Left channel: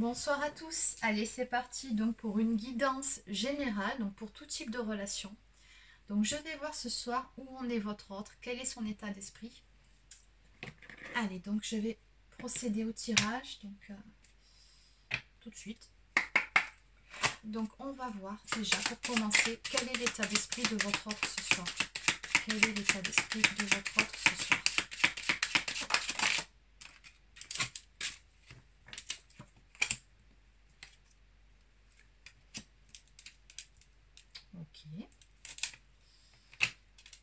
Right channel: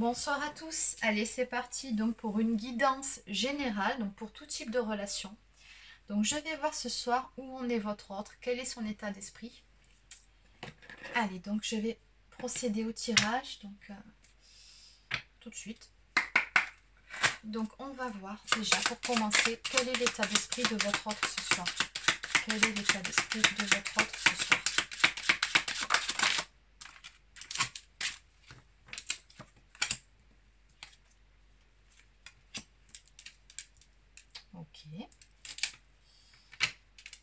Bonsoir à tous, allez c'est parti donc pour une guidance générale, donc pour tout type de relation. Donc je vais voir ce soir où en est votre autre, quel est son état d'esprit. Allez donc je vais procéder au tirage, donc tout de suite. Donc on va voir déjà pour commencer quel est l'état d'esprit de votre autre ce soir. Quel est l'état d'esprit de votre autre ce soir? Ok.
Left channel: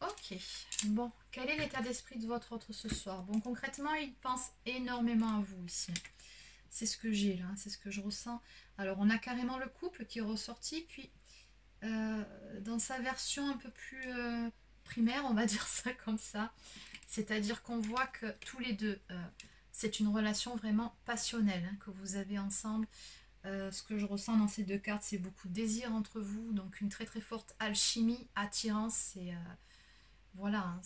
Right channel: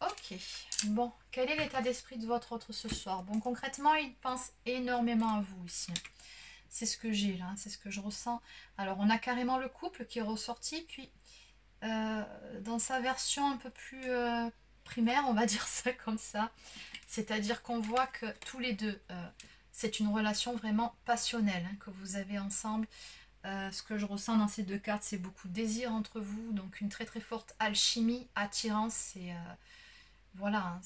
Ok. Bon, quel est l'état d'esprit de votre autre ce soir? Bon, concrètement, il pense énormément à vous ici. C'est ce que j'ai là, c'est ce que je ressens. Alors, on a carrément le couple qui est ressorti, puis dans sa version un peu plus primaire, on va dire ça comme ça. C'est-à-dire qu'on voit que tous les deux, c'est une relation vraiment passionnelle hein, que vous avez ensemble. Ce que je ressens dans ces deux cartes, c'est beaucoup de désir entre vous, donc une très très forte alchimie, attirance, c'est... voilà, hein,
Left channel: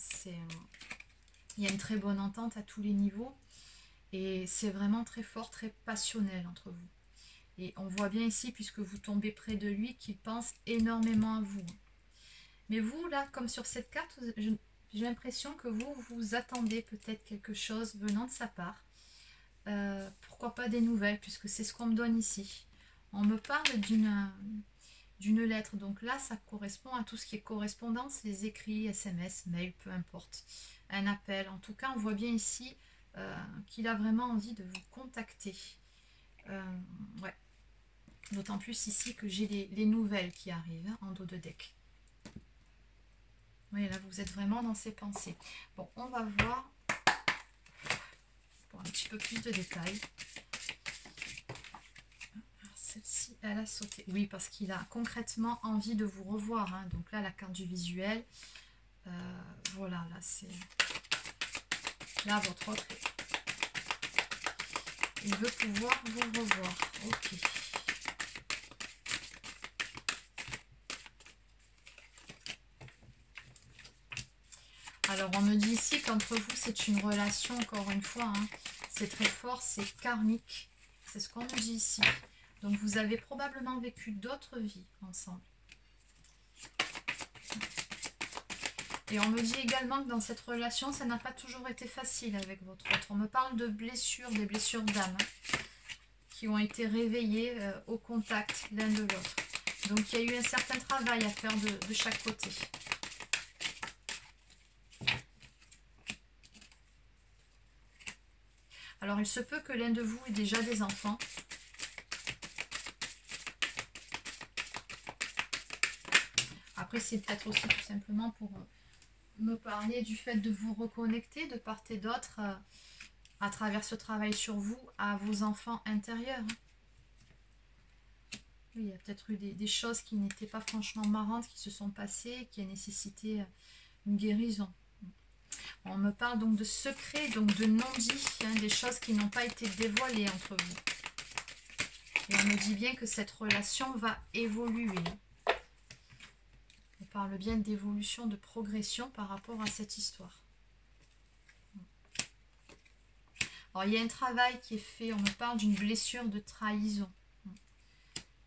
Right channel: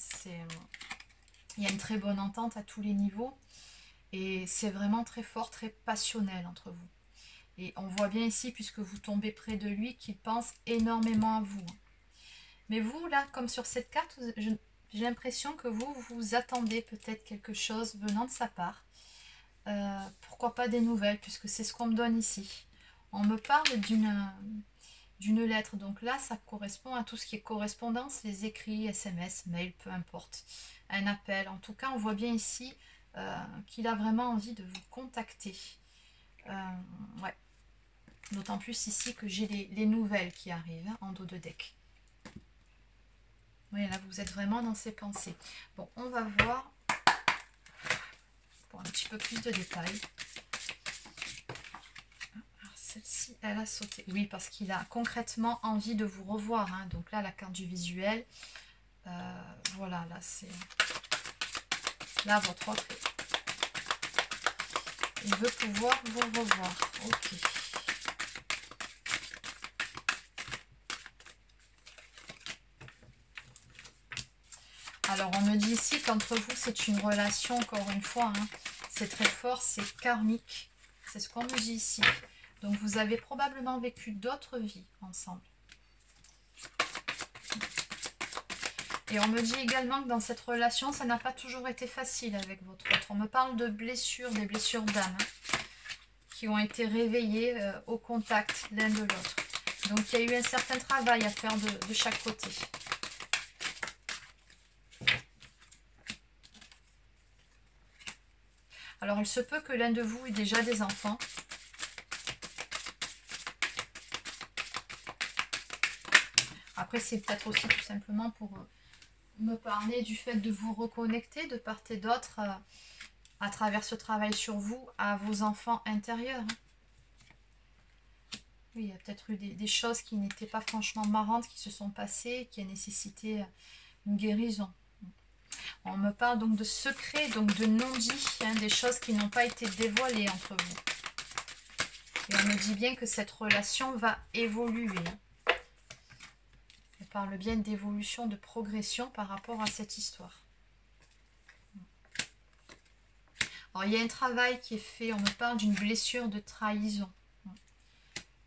il y a une très bonne entente à tous les niveaux et c'est vraiment très fort, très passionnel entre vous. Et on voit bien ici, puisque vous tombez près de lui, qu'il pense énormément à vous. Mais vous, là, comme sur cette carte, j'ai l'impression que vous attendez peut-être quelque chose venant de sa part. Pourquoi pas des nouvelles, puisque c'est ce qu'on me donne ici. On me parle d'une lettre. Donc là, ça correspond à tout ce qui est correspondance, les écrits, SMS, mail, peu importe. Un appel. En tout cas, on voit bien ici qu'il a vraiment envie de vous contacter. Ouais. D'autant plus ici que j'ai les nouvelles qui arrivent hein, en dos de deck. Oui, là, vous êtes vraiment dans ses pensées. Bon, on va voir pour un petit peu plus de détails. Celle-ci, elle a sauté. Oui, parce qu'il a concrètement envie de vous revoir. Hein. Donc là, la carte du visuel. Voilà, là, c'est... Là, votre autre... Il veut pouvoir vous revoir. Ok. Alors, on me dit ici qu'entre vous, c'est une relation, encore une fois, hein, c'est très fort, c'est karmique. C'est ce qu'on nous dit ici. Donc, vous avez probablement vécu d'autres vies ensemble. Et on me dit également que dans cette relation, ça n'a pas toujours été facile avec votre autre. On me parle de blessures, des blessures d'âme, hein, qui ont été réveillées au contact l'un de l'autre. Donc, il y a eu un certain travail à faire de chaque côté. Alors, il se peut que l'un de vous ait déjà des enfants. Après, c'est peut-être aussi tout simplement pour me parler du fait de vous reconnecter de part et d'autre à travers ce travail sur vous à vos enfants intérieurs. Oui, il y a peut-être eu des choses qui n'étaient pas franchement marrantes qui se sont passées, qui a nécessité une guérison. On me parle donc de secrets, donc de non-dits, hein, des choses qui n'ont pas été dévoilées entre vous. Et on me dit bien que cette relation va évoluer. On parle bien d'évolution, de progression par rapport à cette histoire. Alors, il y a un travail qui est fait, on me parle d'une blessure de trahison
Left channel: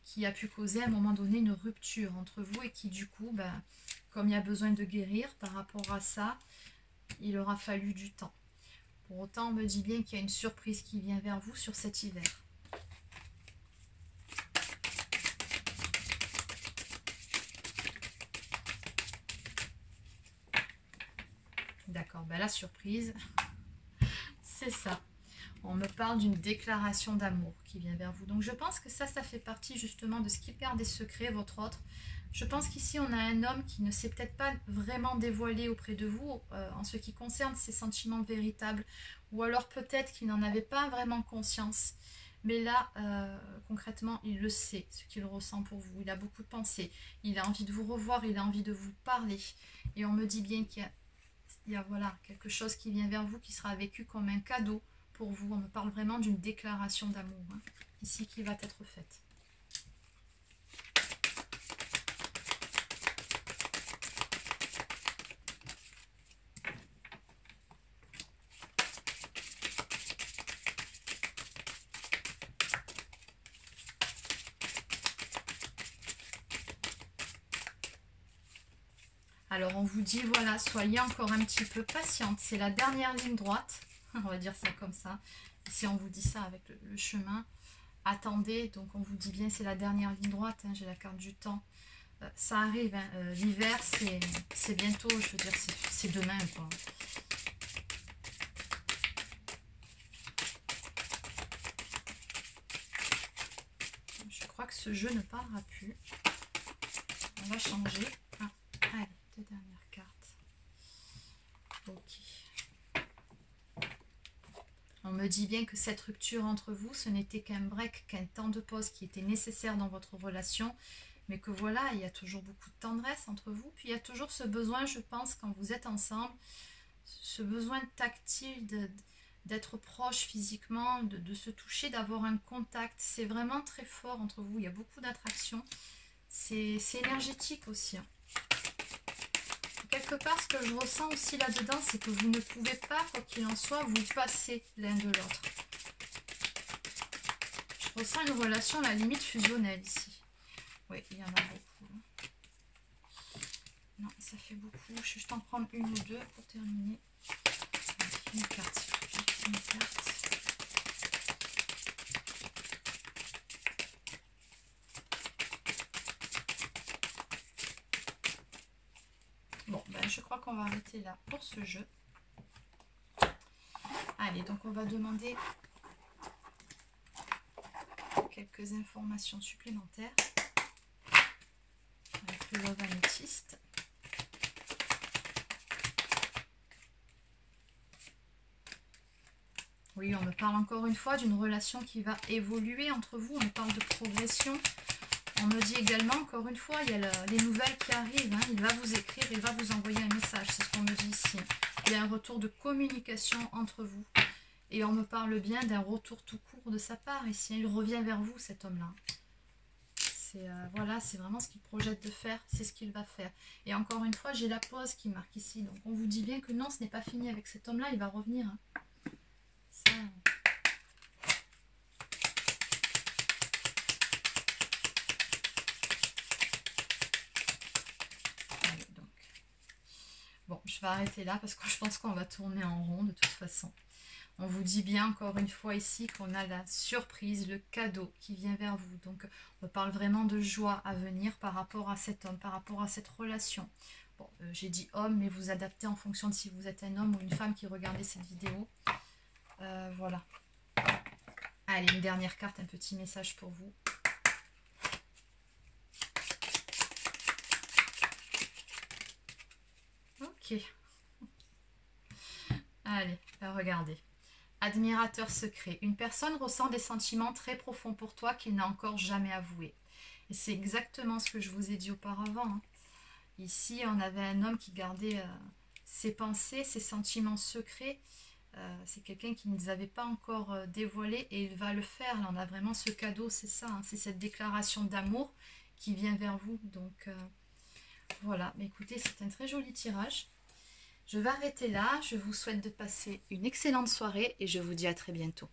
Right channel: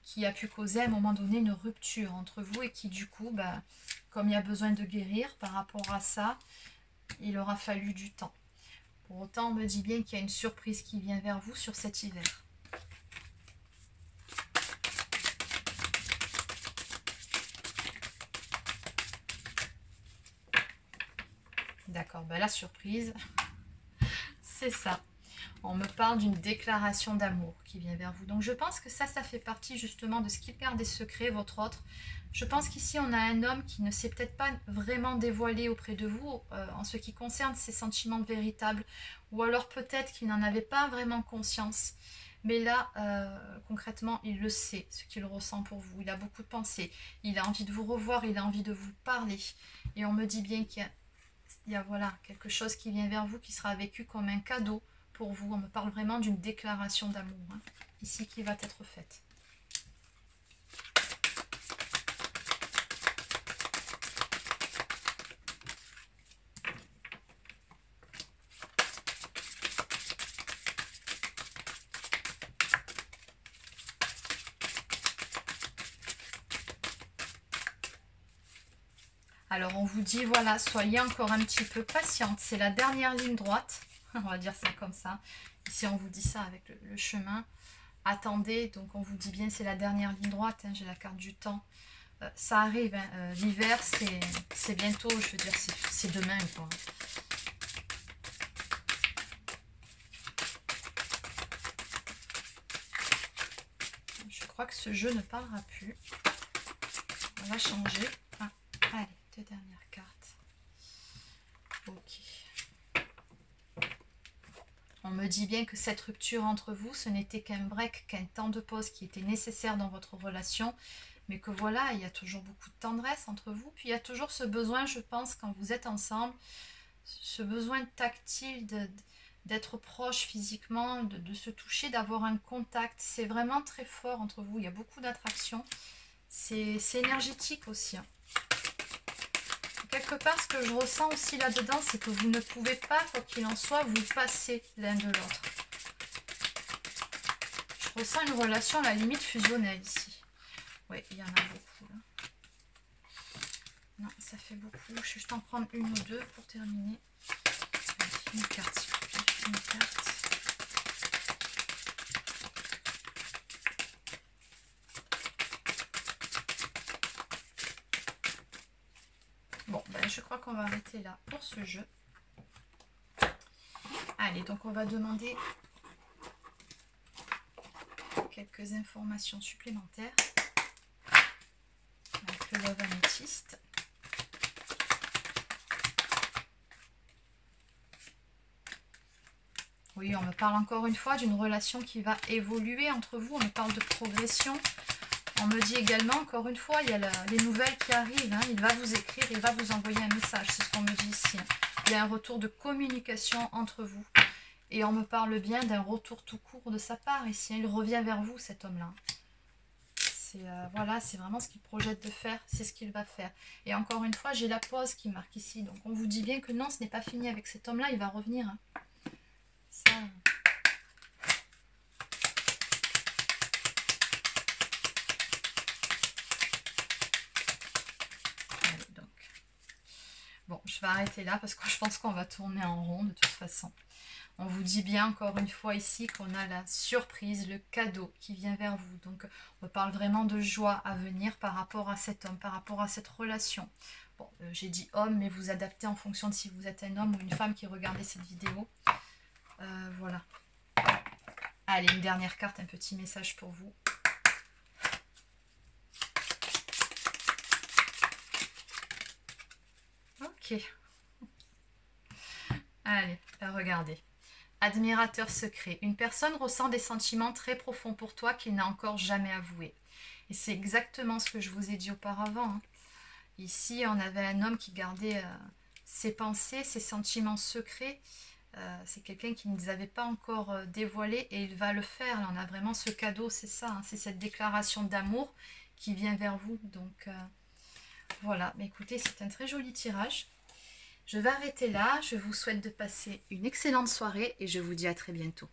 qui a pu causer à un moment donné une rupture entre vous et qui du coup, bah, comme il y a besoin de guérir par rapport à ça, il aura fallu du temps. Pour autant, on me dit bien qu'il y a une surprise qui vient vers vous sur cet hiver. D'accord, ben la surprise, c'est ça. On me parle d'une déclaration d'amour qui vient vers vous. Donc je pense que ça fait partie justement de ce qui garde des secrets, votre autre. Je pense qu'ici on a un homme qui ne s'est peut-être pas vraiment dévoilé auprès de vous en ce qui concerne ses sentiments véritables. Ou alors peut-être qu'il n'en avait pas vraiment conscience. Mais là, concrètement, il le sait, ce qu'il ressent pour vous. Il a beaucoup de pensées. Il a envie de vous revoir, il a envie de vous parler. Et on me dit bien qu'il y a voilà, quelque chose qui vient vers vous qui sera vécu comme un cadeau pour vous. On me parle vraiment d'une déclaration d'amour, hein, ici, qui va être faite. Alors, on vous dit, voilà, soyez encore un petit peu patiente. C'est la dernière ligne droite. On va dire ça comme ça. Ici, on vous dit ça avec le chemin. Attendez, donc on vous dit bien, c'est la dernière ligne droite. Hein, j'ai la carte du temps. Ça arrive, hein, l'hiver, c'est bientôt. Je veux dire, c'est demain, quoi. Je crois que ce jeu ne parlera plus. On va changer. Ah, allez, 2 dernières cartes. Ok. On me dit bien que cette rupture entre vous, ce n'était qu'un break, qu'un temps de pause qui était nécessaire dans votre relation. Mais que voilà, il y a toujours beaucoup de tendresse entre vous. Puis il y a toujours ce besoin, je pense, quand vous êtes ensemble, ce besoin tactile d'être proche physiquement, de se toucher, d'avoir un contact. C'est vraiment très fort entre vous. Il y a beaucoup d'attraction. C'est énergétique aussi. Hein. Quelque part, ce que je ressens aussi là-dedans, c'est que vous ne pouvez pas, quoi qu'il en soit, vous passer l'un de l'autre. Je ressens une relation à la limite fusionnelle ici. Oui, il y en a beaucoup. Là. Non, ça fait beaucoup. Je vais juste en prendre une ou deux pour terminer. Allez, une carte, s'il vous plaît. Une carte. Bon, ben, je crois qu'on va arrêter là pour ce jeu. Allez, donc on va demander quelques informations supplémentaires avec le Love Améthyste. Oui, on me parle encore une fois d'une relation qui va évoluer entre vous. On me parle de progression. On me dit également, encore une fois, il y a les nouvelles qui arrivent. Hein. Il va vous écrire, il va vous envoyer un message. C'est ce qu'on me dit ici. Il y a un retour de communication entre vous. Et on me parle bien d'un retour tout court de sa part. Ici, il revient vers vous, cet homme-là. Voilà, c'est vraiment ce qu'il projette de faire. C'est ce qu'il va faire. Et encore une fois, j'ai la pause qui marque ici. Donc, on vous dit bien que non, ce n'est pas fini avec cet homme-là. Il va revenir. Hein. Ça... Allez, donc. Bon, je vais arrêter là parce que je pense qu'on va tourner en rond de toute façon. On vous dit bien encore une fois ici qu'on a la surprise, le cadeau qui vient vers vous. Donc on parle vraiment de joie à venir par rapport à cet homme, par rapport à cette relation. Bon, j'ai dit homme, mais vous adaptez en fonction de si vous êtes un homme ou une femme qui regardez cette vidéo. Voilà. Allez, une dernière carte, un petit message pour vous. Ok. Allez, regardez. Admirateur secret. Une personne ressent des sentiments très profonds pour toi qu'il n'a encore jamais avoués. Et c'est exactement ce que je vous ai dit auparavant. Hein. Ici, on avait un homme qui gardait ses pensées, ses sentiments secrets. C'est quelqu'un qui ne les avait pas encore dévoilés et il va le faire. Là, on a vraiment ce cadeau, c'est ça. Hein, c'est cette déclaration d'amour qui vient vers vous. Donc, voilà. Mais écoutez, c'est un très joli tirage. Je vais arrêter là, je vous souhaite de passer une excellente soirée et je vous dis à très bientôt.